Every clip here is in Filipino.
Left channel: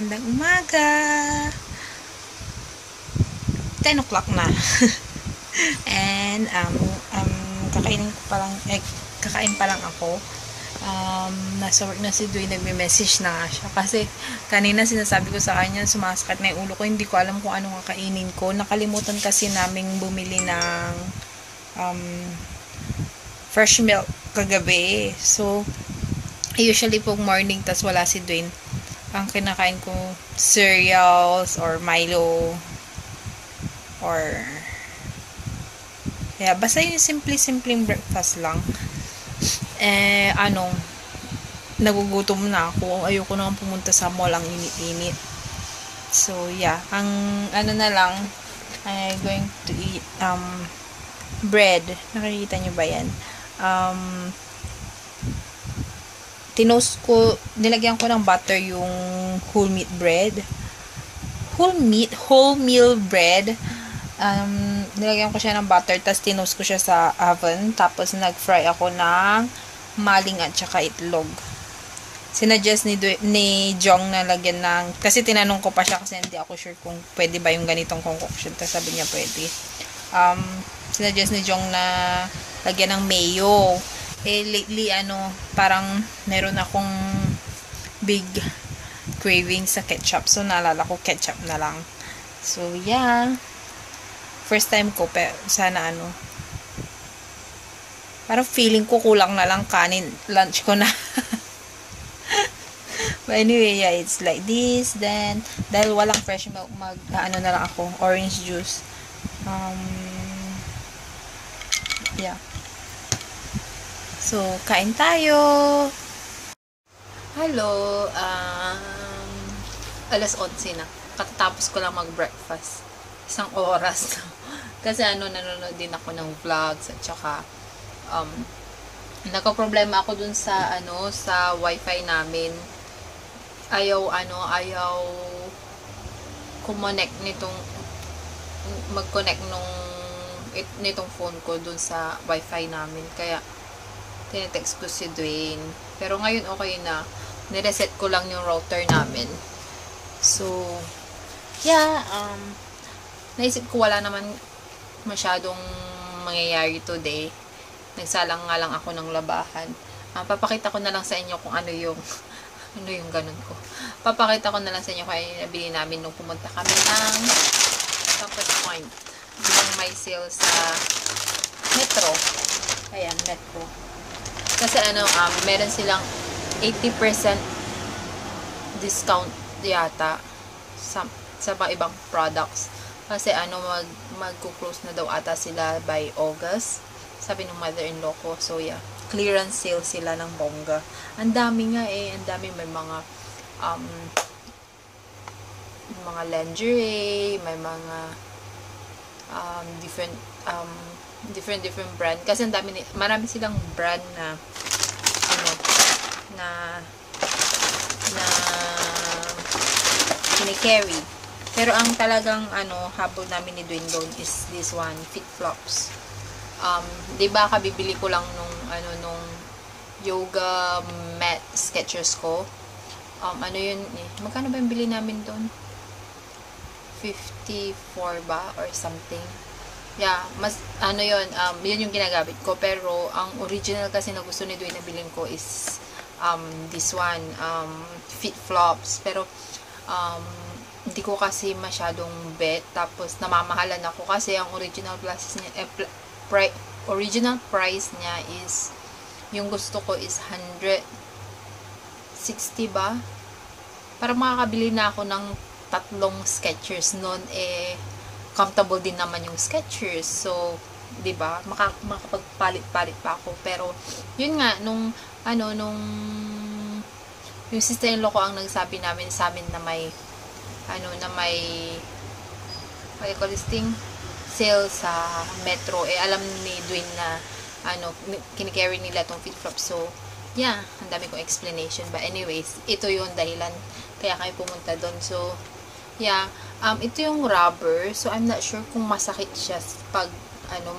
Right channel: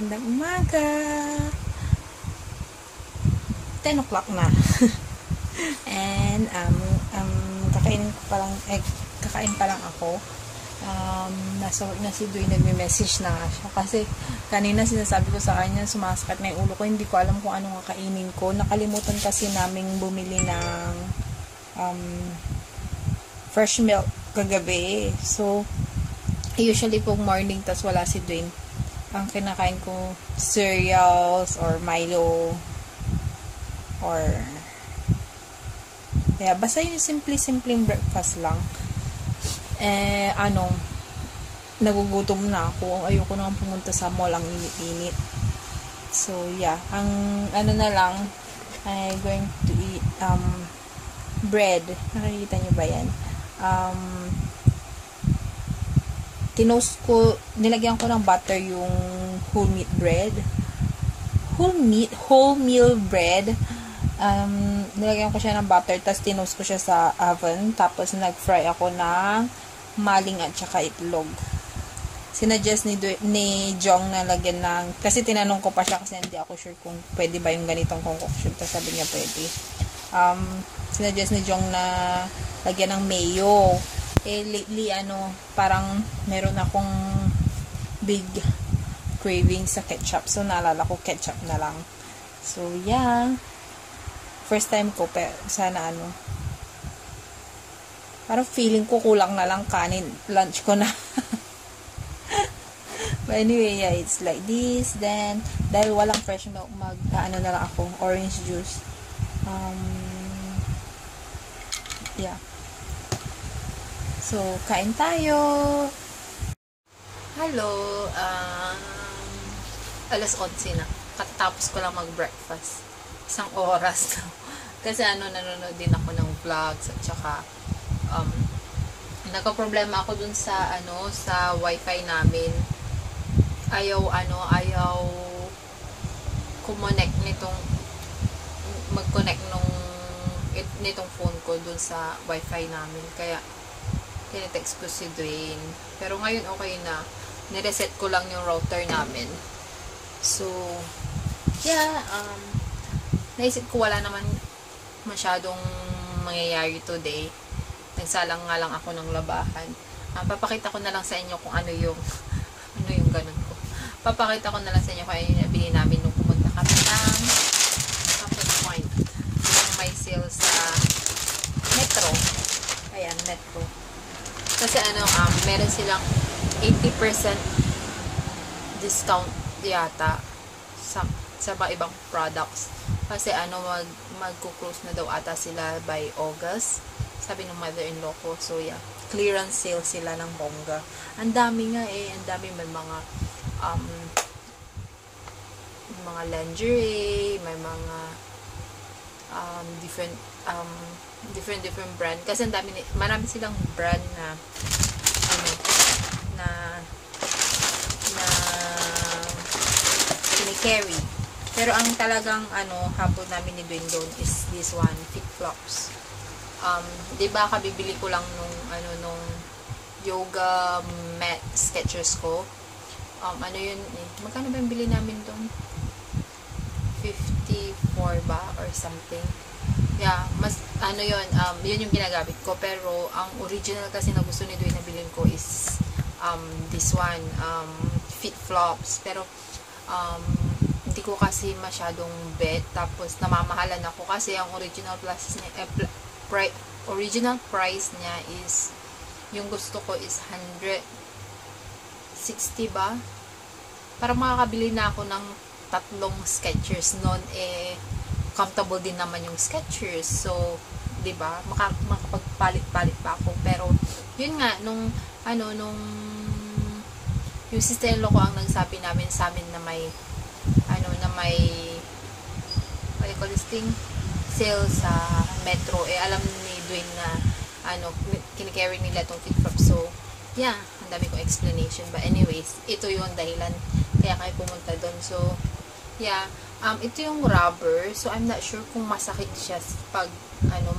magandang umaga. 10 o'clock na. And, kakainin ko pa lang, kakain pa lang ako. Nasa work na si Dwayne, nagme-message na nga siya. Kasi, kanina sinasabi ko sa kanya, sumasakit na yung ulo ko. Hindi ko alam kung anong kakainin ko. Nakalimutan kasi naming bumili ng fresh milk kagabi. So, usually pong morning, tas wala si Dwayne, ang kinakain ko cereals or Milo or basta yung simpleng breakfast lang. Nagugutom na ako. Ayoko na pumunta sa mall, ang init-init. So ang na lang, I'm going to eat bread. Nakikita nyo ba yan? Nilagyan ko ng butter yung whole meal bread. Nilagyan ko siya ng butter, tapos tinost ko siya sa oven, tapos nag-fry ako ng maling at saka itlog. Sinuggest ni Jong na lagyan ng, kasi tinanong ko pa siya kasi hindi ako sure kung pwede ba yung ganitong concoction, tapos sabi niya pwede. Sinuggest ni Jong na lagyan ng mayo. Lately, parang meron akong big craving sa ketchup. So, naalala ko, ketchup na lang. So, first time ko, pero sana parang feeling ko kulang na lang kanin. Lunch ko na. But anyway, it's like this. Then, dahil walang fresh milk, na lang ako. Orange juice. So, kain tayo. Hello. Alas 11 na. Katatapos ko lang mag-breakfast. Isang oras na. Kasi nanonood din ako ng vlogs at saka nagka-problema ako dun sa sa wifi namin. Ayaw mag-connect nitong phone ko dun sa wifi namin. Kaya tinetext ko si Dwayne. Pero ngayon okay na. Nireset ko lang yung router namin. So, naisip ko wala naman masyadong mangyayari today. Nagsalang nga lang ako ng labahan. Papakita ko na lang sa inyo kung ano yung ganun ko. Papakita ko na lang sa inyo kung ano yung nabili namin nung pumunta kami ng Campus Point. Yung may sale sa Metro. Ayan, Metro. Kasi meron silang 80% discount yata sa mga ibang products. Kasi mag-close na daw ata sila by August. Sabi ng mother-in-law ko. So clearance sale sila ng bongga. Ang dami nga ang dami, may mga lingerie, may mga different brand, kasi marami silang brand na kini-carry. Pero ang talagang habol namin ni Dwayne doon is this one, Fit Flops. 'Di ba kabibili ko lang nung yoga mat Skechers ko. Yun magkano ba yung bili namin doon? 54 ba or something. Mas yun yung ginagamit ko, pero ang original kasi na gusto ni Dwayne na bilhin ko is this one, Fit Flops. Pero hindi ko kasi masyadong bet, tapos namamahalan ako kasi ang original price niya is, yung gusto ko is 160 ba? Para makakabili na ako ng 3 Skechers noon, comfortable din naman yung Skechers. So, 'di ba? Makapagpalit-palit pa ako. Pero yun nga nung yung sister-in-law ko ang nagsabi sa amin na may what do you call this thing? Sale sa Metro. Alam ni Dwayne na kinicarry nila tong Fit Flop. So, ang dami kong explanation. But anyways, ito yung dahilan kaya kayo pumunta doon. So, ito yung rubber. So, I'm not sure kung masakit siya pag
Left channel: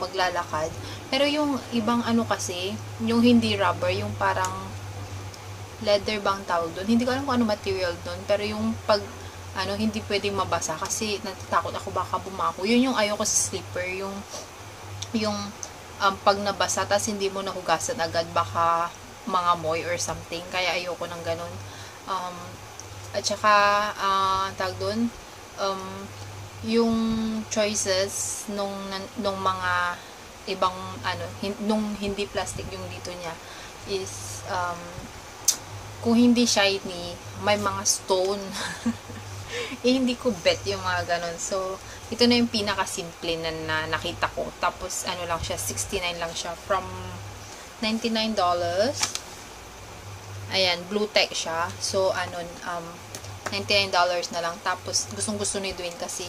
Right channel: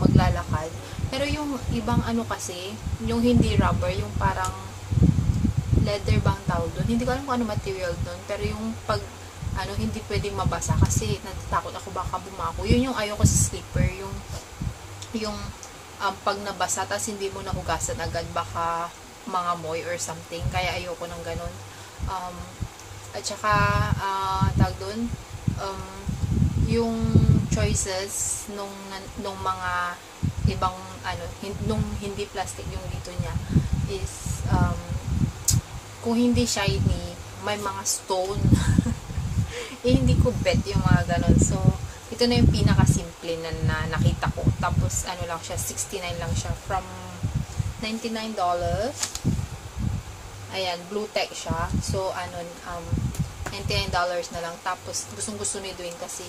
maglalakad. Pero yung ibang kasi, yung hindi rubber, yung parang leather bang tawag doon. Hindi ko alam kung ano material doon. Pero yung pag, hindi pwedeng mabasa kasi natatakot ako baka bumako. Yun yung ayoko sa slipper. Yung pag nabasa, tas hindi mo nahugasan agad, baka mga moy or something. Kaya ayoko ng ganun. At saka, tawag doon, yung choices nung mga ibang, nung hindi plastic yung dito niya is, kung hindi shiny, may mga stone. Hindi ko bet yung mga ganon. So, ito na yung pinaka-simple na nakita ko. Tapos, lang siya, 69 lang siya. From $99. Ayan, blue tech siya. So, $99 na lang. Tapos, gustong-gusto ni Dwayne kasi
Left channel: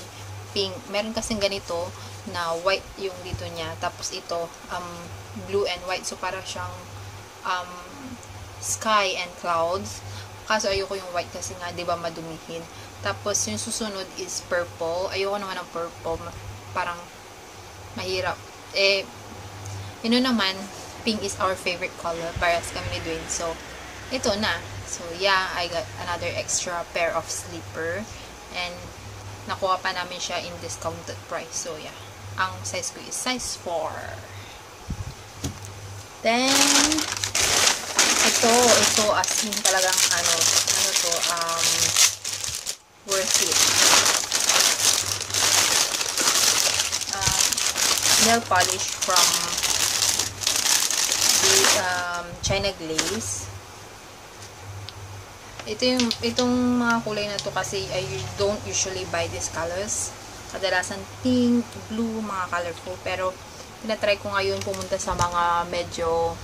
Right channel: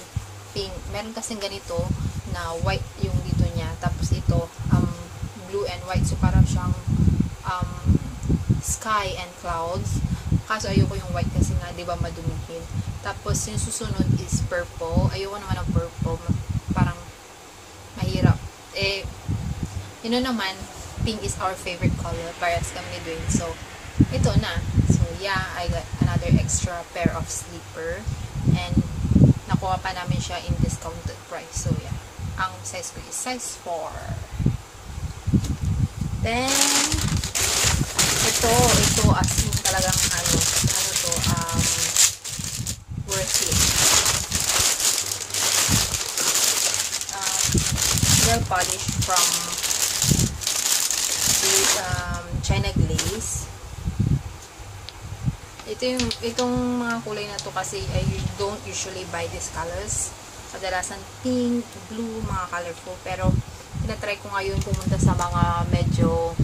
pink. Meron kasing ganito na white yung dito niya. Tapos, ito, blue and white. So, parang siyang, sky and clouds. Kaso ayoko yung white kasi nga 'di ba madumihin. Tapos yung susunod is purple. Ayoko naman ng purple. Parang mahirap. Naman, pink is our favorite color. Parehas kami ni Dwayne. So, ito na. So, yeah, I got another extra pair of slipper. And nakuha pa namin siya in discounted price. So, yeah. Ang size ko is size 4. Then, ito as in talagang worth it. Nail polish from China Glaze. Itong mga kulay na to kasi I don't usually buy these colors. Kadalasan pink, blue, mga colorful. Pero tinatry ko ngayon pumunta sa mga medyo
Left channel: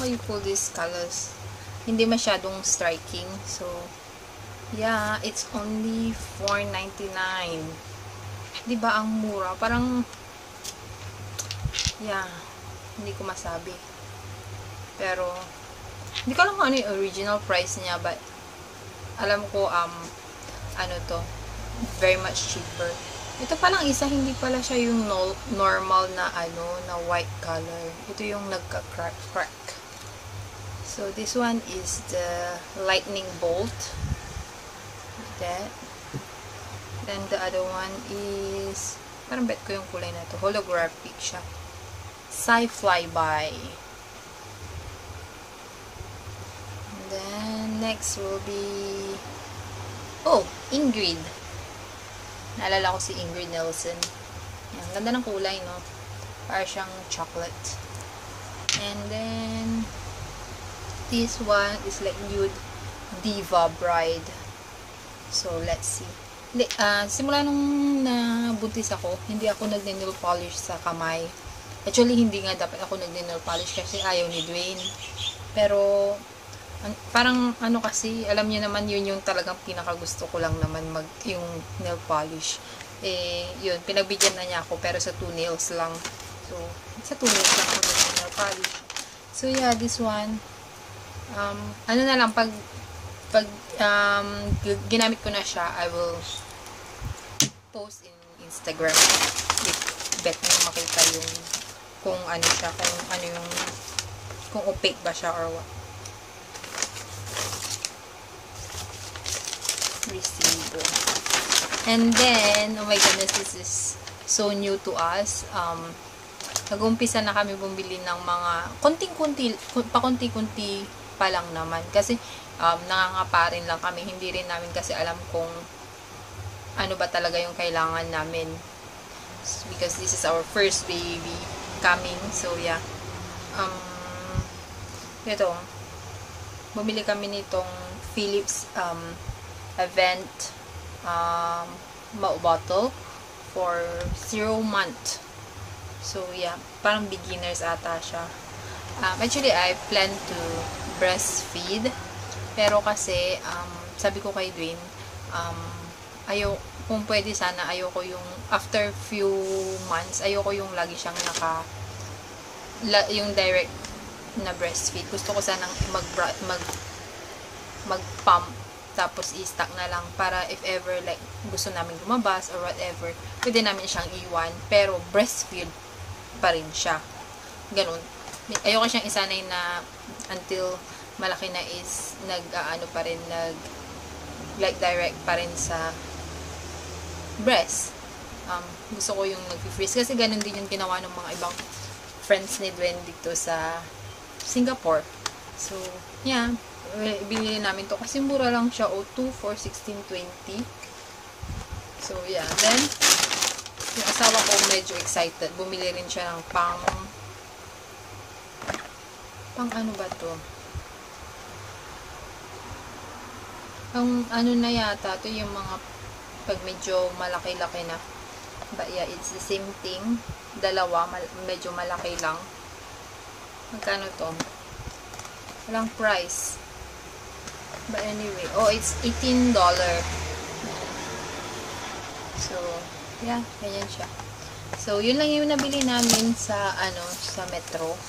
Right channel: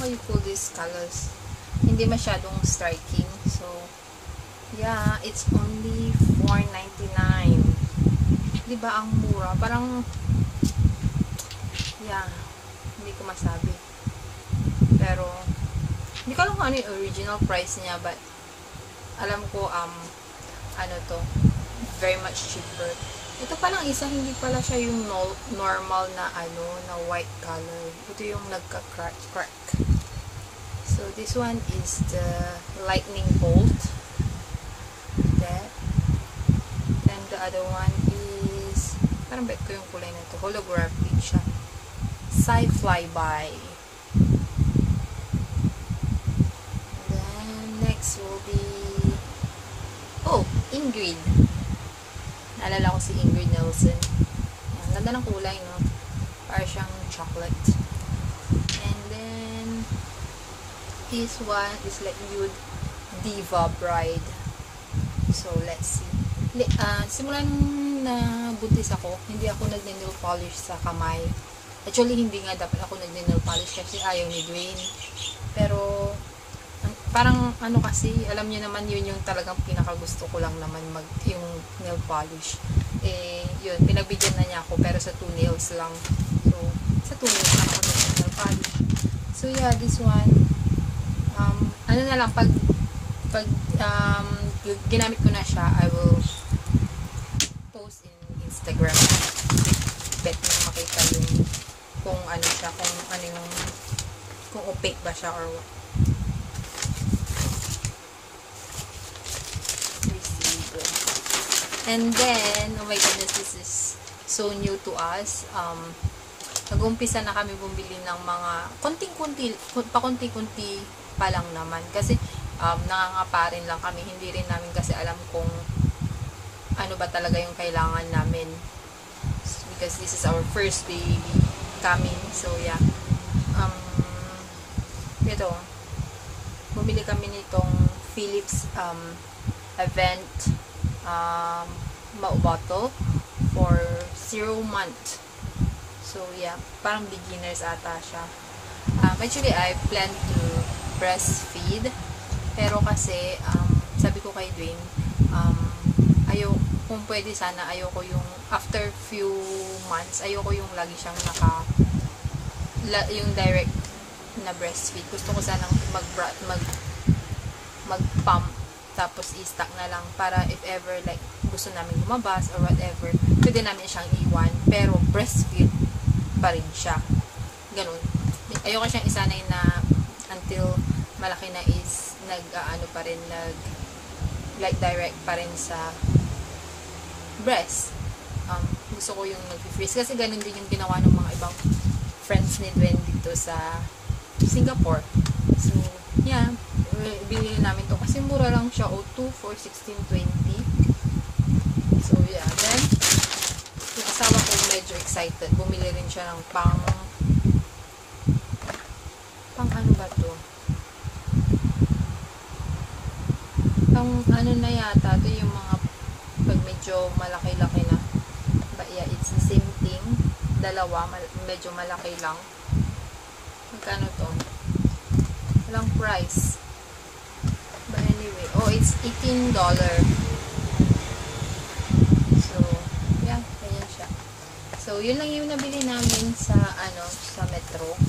how you call these colors, hindi masyadong striking. So yeah, it's only $4.99. diba ang mura? Parang yeah, hindi ko masabi, pero hindi ko alam kung ano yung original price niya, but alam ko to very much cheaper. Ito palang isa, hindi pala siya yung normal na na white color. Ito yung nagka-crack. So, this one is the lightning bolt. That. Then, the other one is, parang bet ko yung kulay na to. Holographic siya. Flyby. And then, next will be, Ingrid. Naalala ko si Ingrid Nelson. Ayan, ganda ng kulay, no? Parang siyang chocolate. And then, this one is like nude Diva Bride. So, let's see. Simula nung nabuntis ako, hindi ako nagne-nail polish sa kamay. Actually, hindi nga dapat ako nagne-nail polish kasi ayaw ni Dwayne. Pero, parang kasi, alam niyo naman yun yung talagang pinakagusto ko lang naman yung nail polish. Yun, pinagbigyan na niya ako pero sa 2 nails lang. So, sa 2 nails lang ako ng nail polish. So, yeah, this one, na lang, pag ginamit ko na siya, I will post in Instagram. Bet na makita yung kung ano siya, kung opaque ba siya or what. And then, oh my goodness, this is so new to us. Nag-umpisa na kami bumili ng mga pakunti-kunti pa lang naman. Kasi, nangangapa rin lang kami. Hindi rin namin kasi alam kung ano ba talaga yung kailangan namin. Because this is our first baby coming. So, yeah. Ito. Bumili kami nitong Philips Event bottle for 0 month. So, yeah. Parang beginners ata siya. Actually, I plan to breastfeed. Pero kasi, sabi ko kay Dwayne, kung pwede sana, ayoko yung, after few months, ayoko yung lagi siyang yung direct na breastfeed. Gusto ko sanang mag-pump, tapos i-stock na lang para if ever like gusto namin lumabas or whatever, pwede namin siyang iwan. Pero breastfeed pa rin siya. Ganun. Ayoko siyang isanay na until malaki na is nag-ano pa rin, light direct pa rin sa breast. Gusto ko yung nag-freeze kasi ganun din yung ginawa ng mga ibang friends ni Dwayne dito sa Singapore. So, yeah, binili namin to kasi mura lang siya, O2 for 16.20. So, yeah. Then, yung asawa ko medyo excited. Bumili rin siya ng pang ano ba to? Ang ano na yata, to yung mga pag medyo malaki-laki na. But yeah, it's the same thing. Dalawa, medyo malaki lang. Magkano to? Walang price. But anyway, it's $18. So, yeah, ganyan siya. So, yun lang yung nabili namin sa, sa Metro.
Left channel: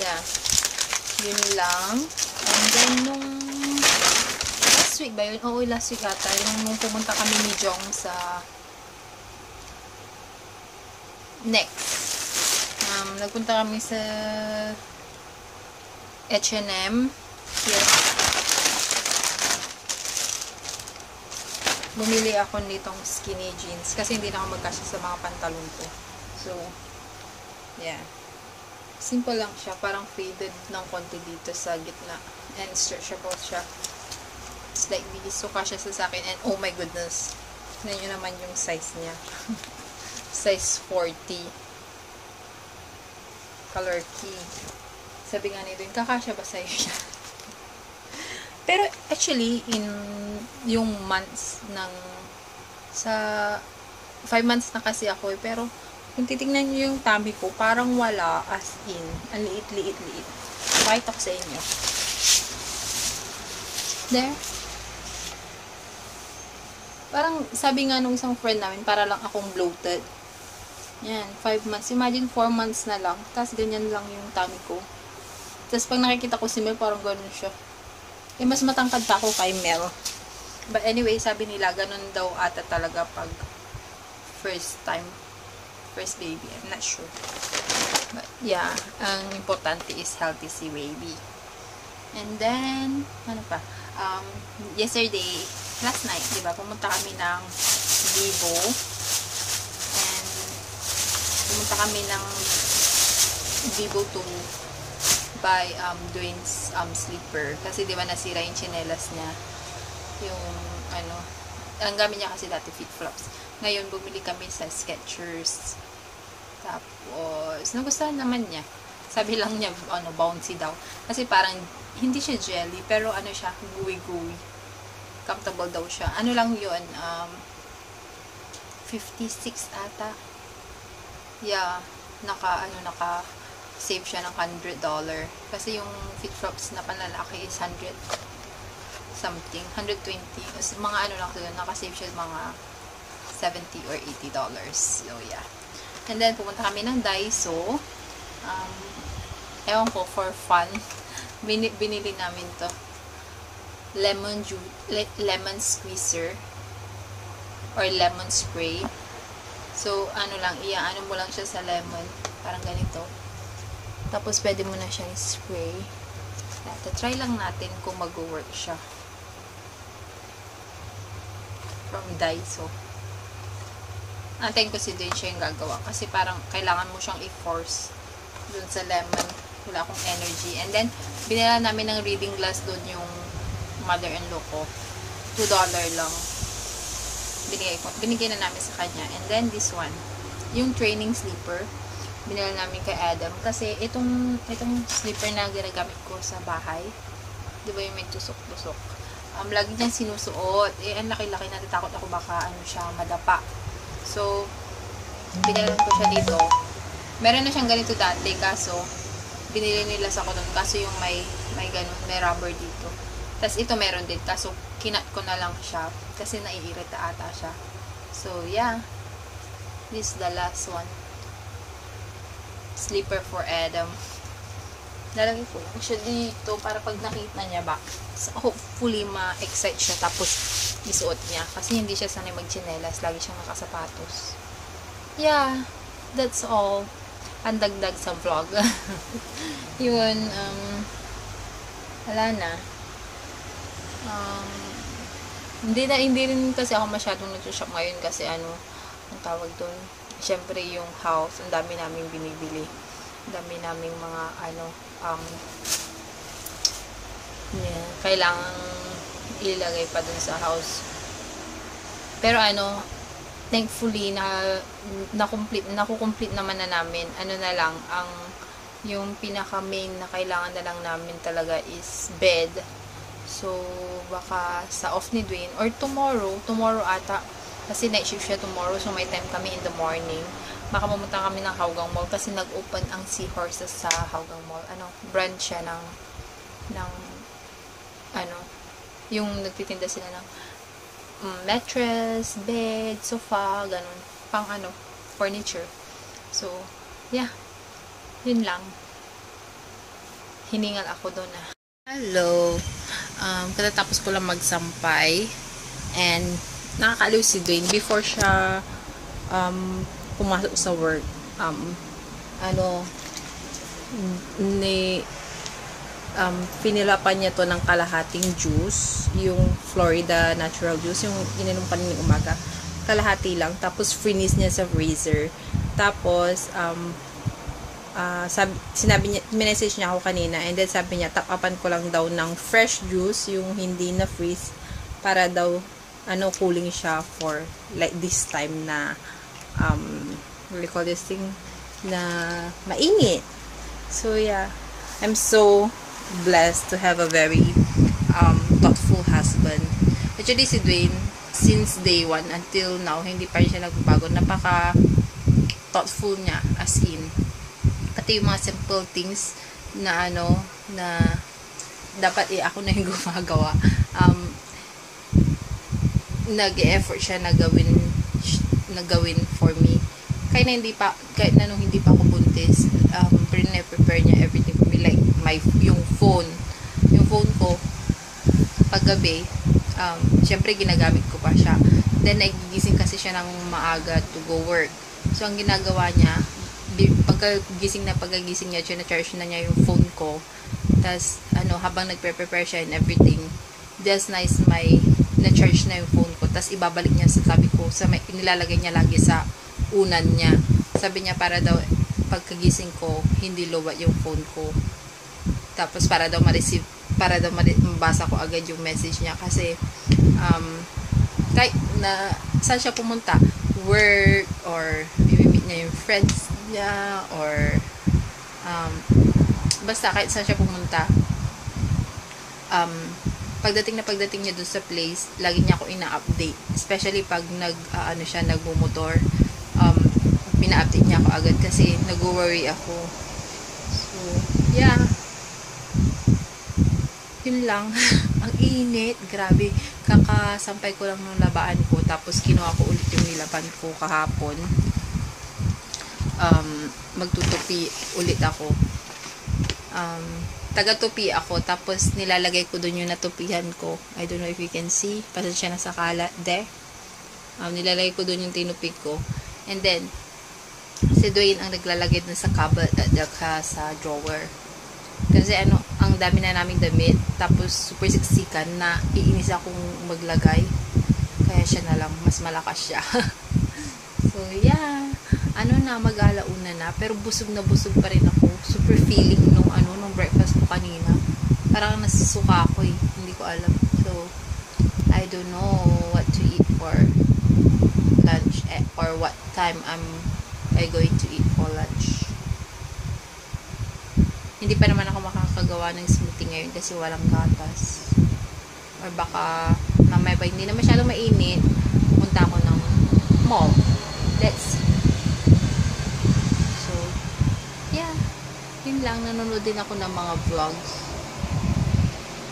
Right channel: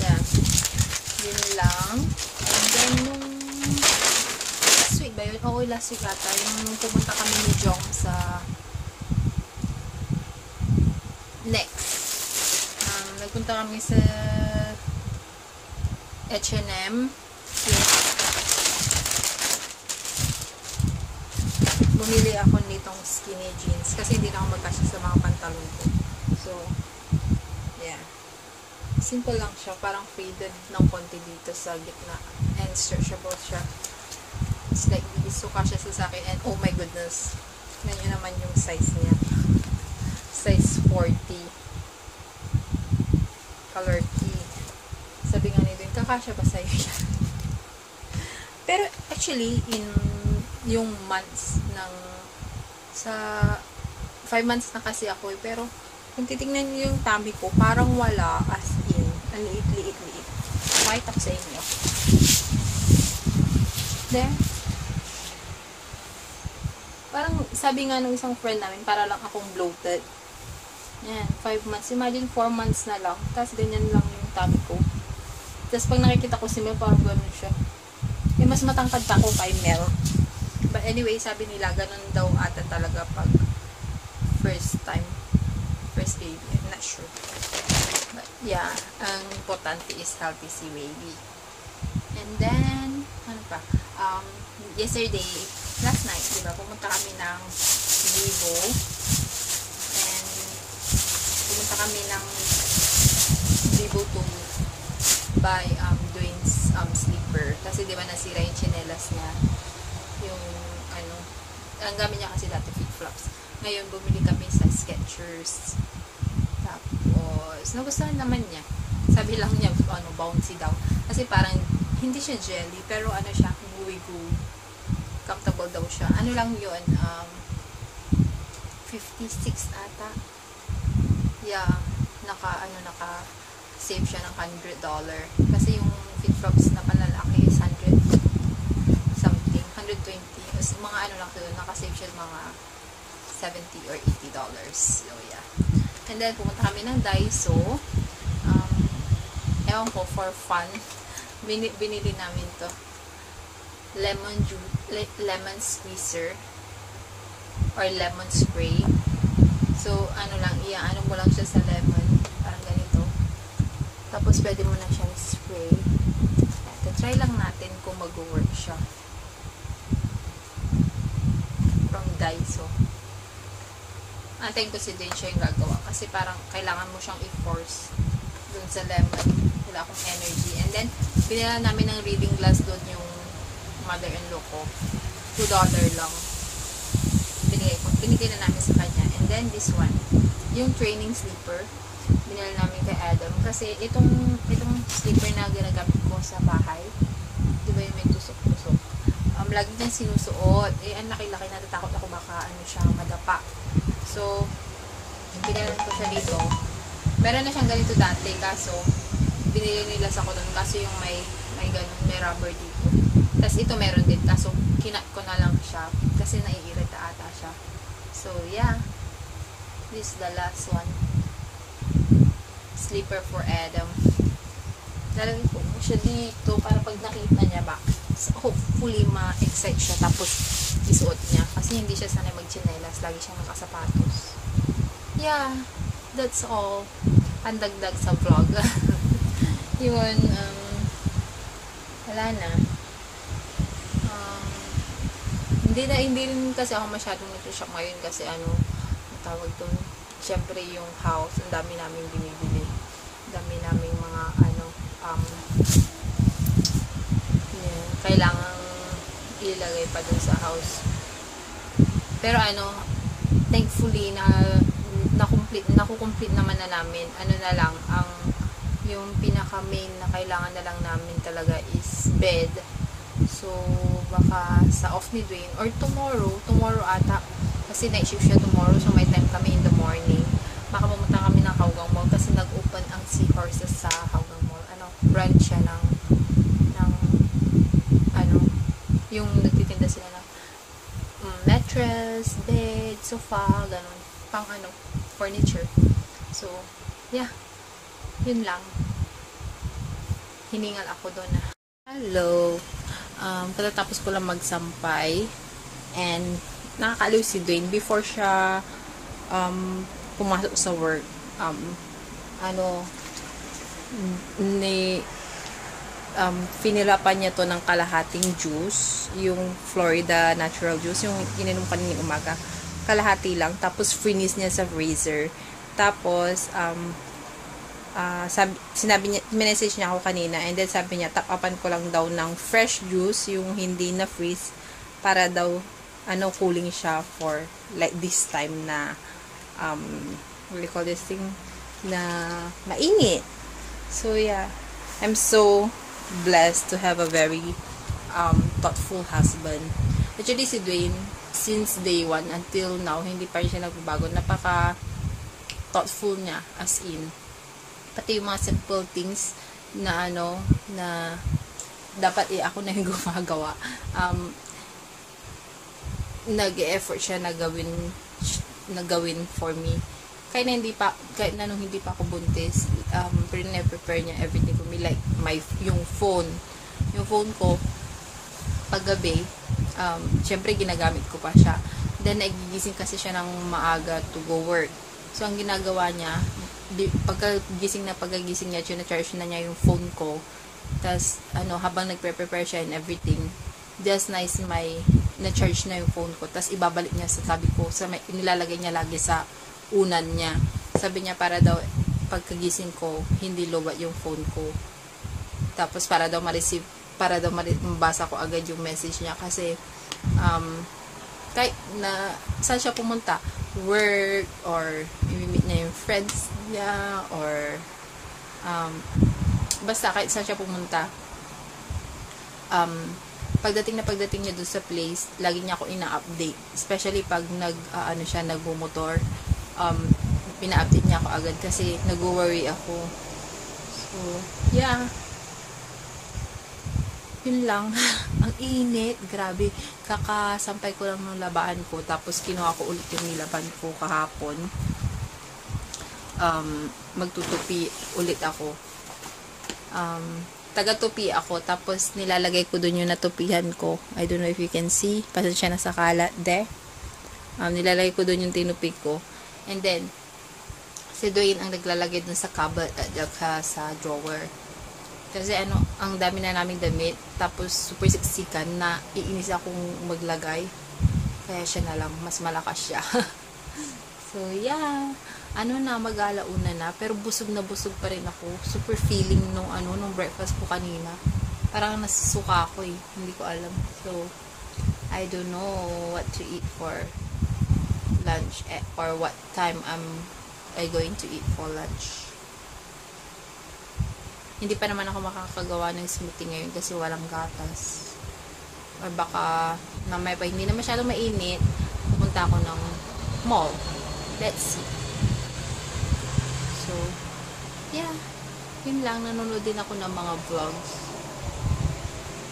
Yeah. Yun lang. And then, nung last week ba yun? Oo, last week ata. Nung pumunta kami ni Jong sa Next. Nagpunta kami sa H&M. Yes. Bumili ako nitong skinny jeans kasi hindi na ako magkasya sa mga pantalon ko. So, yeah. Simple lang siya. Parang faded ng konti dito sa gitna. And stretchable siya. It's like this. So, kasya sa akin. And oh my goodness. Tignan nyo naman yung size niya. Size 40. Color key. Sabi nga nito, kakasya ba sa'yo siya? Pero actually, in yung months ng sa 5 months na kasi ako pero kung titignan nyo yung tummy ko, parang wala, as in. Ang liit. Pakita ko sa inyo. There. Parang, sabi nga nung isang friend namin, para lang akong bloated. Yan, 5 months. Imagine, 4 months na lang. Tapos, ganyan lang yung tummy ko. Tapos, pag nakikita ko si Mel, parang ganun siya. Mas matangkad pa ako kay Mel. But anyway, sabi nila, ganun daw ata talaga pag first baby. I'm not sure. But, yeah, ang importante is healthy si baby. And then, ano pa? Yesterday, last night, diba, pumunta kami ng Vivo. And, pumunta kami ng Vivo to buy Dwayne's sleeper. Kasi diba nasira yung chinelas niya. Yung ang gamit niya kasi dati flip-flops. Ngayon bumili kami sa Skechers. Tapos nagustuhan naman niya. Sabi lang niya bouncy daw. Kasi parang hindi siya jelly pero siya gooey. Comfortable daw siya. Ano lang 'yun? 56 ata. Yeah, naka save siya ng $100. Kasi yung flip-flops na panlalaki is 100 something, 120. Mga lang doon, naka-save siya mga $70 or $80. So, yeah. And then, pumunta kami ng Daiso. Ewan ko, for fun. Binili namin to. Lemon squeezer. Or lemon spray. So, mo lang siya sa lemon. Parang ganito. Tapos, pwede mo na siyang spray. Try lang natin kung mag-work siya. From Daiso. Antayin ko si Dwayne siya yung gagawa. Kasi parang kailangan mo siyang i-force dun sa lemon. Wala akong energy. And then, binila namin ng reading glass dun yung mother-in-law ko. $2 lang. Binigay na namin sa kanya. And then, this one. Yung training sleeper. Binila namin kay Adam. Kasi, itong sleeper na ginagamit ko sa bahay. Diba yung may tusok-tusok? Lagi niyang sinusuot. Ang laki-laki, natatakot ako baka siya madapa. So, binilan ko siya dito. Meron na siyang ganito dati, kaso binili nila sa Cotton. Kaso yung may ganun, may rubber dito. Tapos ito meron din, kaso kinat ko na lang siya kasi naiirita ata siya. So, yeah. This is the last one. Sleeper for Adam. Lalagay ko siya dito para pag nakita niya ba, hopefully ma-excite siya tapos isuot niya. Kasi hindi siya sanay mag-chinelas. Lagi siyang nakasapatos. Yeah, that's all. Pandagdag sa vlog. Yun, wala na. Hindi rin kasi ako masyadong nag-shop ngayon kasi ang tawag doon, syempre yung house, ang dami naming binibili. Ang dami naming mga yeah, kailangang ilagay pa dun sa house. Pero thankfully nakukomplete naman na namin. Na lang, yung pinaka main na kailangan na lang namin talaga is bed. So, baka sa off ni Dwayne, or tomorrow ata, kasi night shift siya tomorrow, so may time kami in the morning. Baka pumunta kami ng Hougang Mall, kasi nag-open ang Seahorses sa Hougang Mall. Brand siya ng yung nagtitinda sila ng mattress, bed, sofa, ganun. Pang furniture. So, yeah. Yun lang. Hiningal ako doon na. Hello. Katatapos ko lang magsampay and nakakaaliw si Dwayne before siya pumasok sa work. Pinilapan niya to ng kalahating juice, yung Florida natural juice, yung ininom kaninang umaga. Kalahati lang, tapos freeze niya sa freezer. Tapos sinabi niya, message niya ako kanina, and then sabi niya top upan ko lang daw ng fresh juice, yung hindi na freeze, para daw cooling siya for like this time na what do you call this thing, na mainit. So yeah, I'm so blessed to have a very thoughtful husband. Actually si Dwayne, since day 1 until now, hindi pa rin siya nagbabago. Napaka thoughtful niya, as in pati yung mga simple things na na dapat ako na yung gumagawa. Nag-e-effort siya na gawin for me. Kahit na nung hindi pa ako buntis, prepare niya everything for me. Like, yung phone ko, paggabi, syempre ginagamit ko pa siya. Then, nagigising kasi siya ng maaga to go work. So, ang ginagawa niya, pagkagising niya, charge na niya yung phone ko. Tas, habang nagpe-prepare siya and everything, just nice na-charge na yung phone ko. Tas, ibabalik niya sabi ko, nilalagay niya lagi sa unan niya. Sabi niya, para daw, pagkagising ko, hindi lowbat yung phone ko. Tapos, para daw mabasa ko agad yung message niya. Kasi, kahit na, saan siya pumunta? Work, or i-meet niya yung friends niya, or basta kahit saan siya pumunta, pagdating niya dun sa place, lagi niya ako ina-update, especially pag nagmumotor, pina-update niya ako agad kasi nag-worry ako. So yeah, yun lang. Ang init, grabe. Kakasampay ko lang ng labaan ko, tapos kinuha ko ulit yung nilaban ko kahapon. Magtutupi ulit ako. Taga-tupi ako, tapos nilalagay ko dun yung natupihan ko. I don't know if you can see. Pasensya na sa kalat, nilalagay ko dun yung tinupi ko. And then, si Dwayne ang naglalagay dun sa cupboard at sa drawer. Kasi ang dami na naming damit, tapos super siksikan na iinis akong maglagay. Kaya siya na lang, mas malakas siya. So, yeah. Mag-alauna na. Pero busog na busog pa rin ako. Super feeling nung breakfast ko kanina. Parang nasusuka ako eh. Hindi ko alam. So, I don't know what to eat for lunch or what time I going to eat for lunch. Hindi pa naman ako makakagawa ng smoothie ngayon kasi walang gatas. Or baka namay pa, hindi na masyadong mainit, pupunta ako ng mall. Let's see. So, yeah. Yun lang, nanonood din ako ng mga vlogs.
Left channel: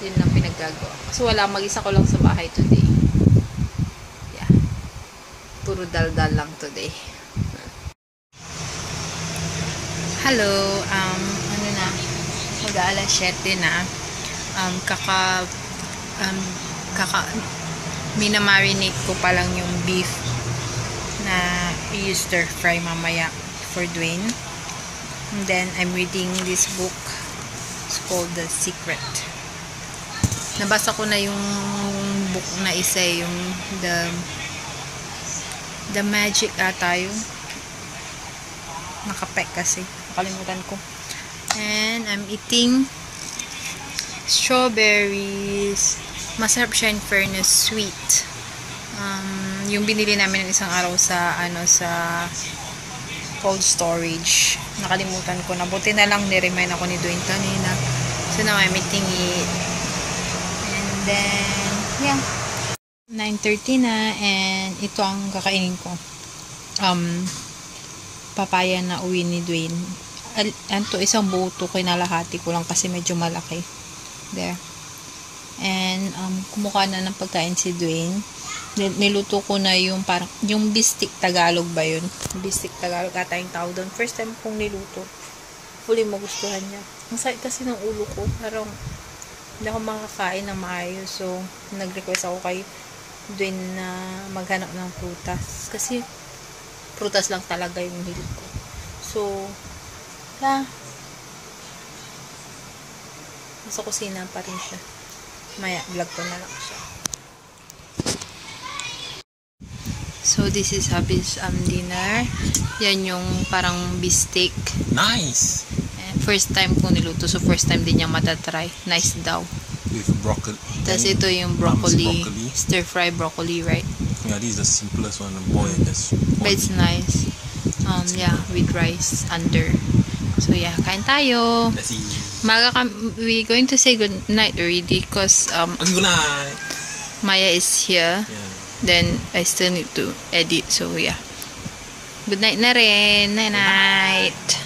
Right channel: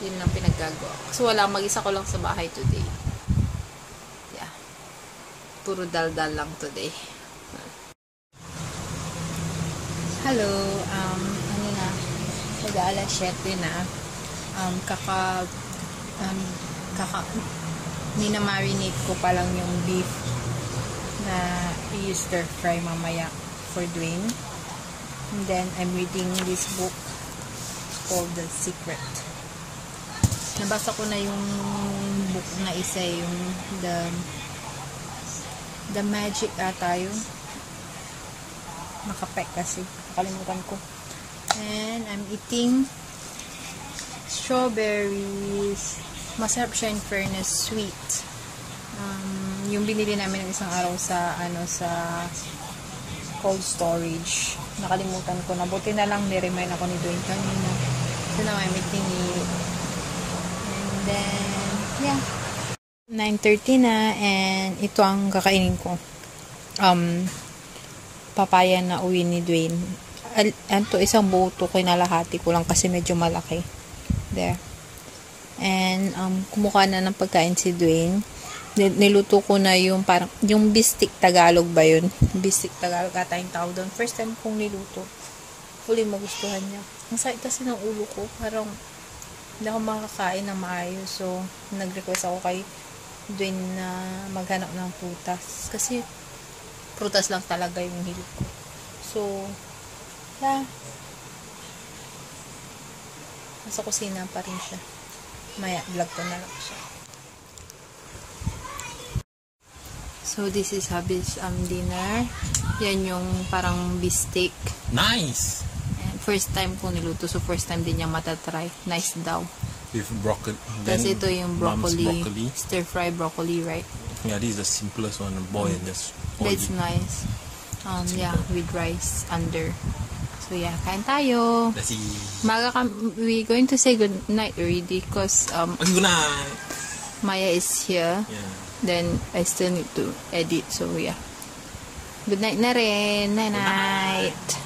Yun lang pinagagawa. Kasi wala, mag-isa ko lang sa bahay today. Yeah. Puro dal-dal lang today. Hello, mag-aalas 7 na. minamarinate ko pa lang yung beef na i-stir fry mamaya for Dwayne. And then I'm reading this book. It's called The Secret. Nabasa ko na yung book na isa, yung The Magic ata yun. Nakapek kasi. Nakalimutan ko. And I'm eating strawberries. Masarap siya in fairness, sweet. Yung binili namin ng isang araw sa sa cold storage. Nakalimutan ko na. Buti na lang ni-remind ako ni Dwayne kanina. So now I'm eating it. And then, yeah. 9:30 na and ito ang kakainin ko. Papaya na uwi ni Dwayne. Anto isang buo to, kinalahati ko lang kasi medyo malaki. There. And kumuha na ng pagkain si Dwayne. Niluto ko na yung parang yung bistik Tagalog ba yun? Bistik Tagalog ata yung tawag doon. First time kong niluto. Fully magustuhan niya. Ang sakit kasi ng ulo ko. Parang hindi ako makakain ng maayos. So, nag-request ako kay Dwayne na maghanap ng prutas. Kasi prutas lang talaga yung hilig ko. So, yeah. Nasa kusina pa rin siya. Maya, vlog ko na lang siya. So, this is Habi's dinner. Yan yung parang beefsteak. Nice! And first time ko niluto. So, first time din niya matatry. Nice daw. With broccoli. Tapos ito yung broccoli. Stir-fry broccoli, right? Yeah, this is the simplest one. Boil just. But it's nice. Yeah, with rice under. So, yeah, kain tayo. Let's see. We're going to say good night already because Okay, good night. Maya is here. Yeah. Then, I still need to edit. So, yeah. Good night na rin. Night-night.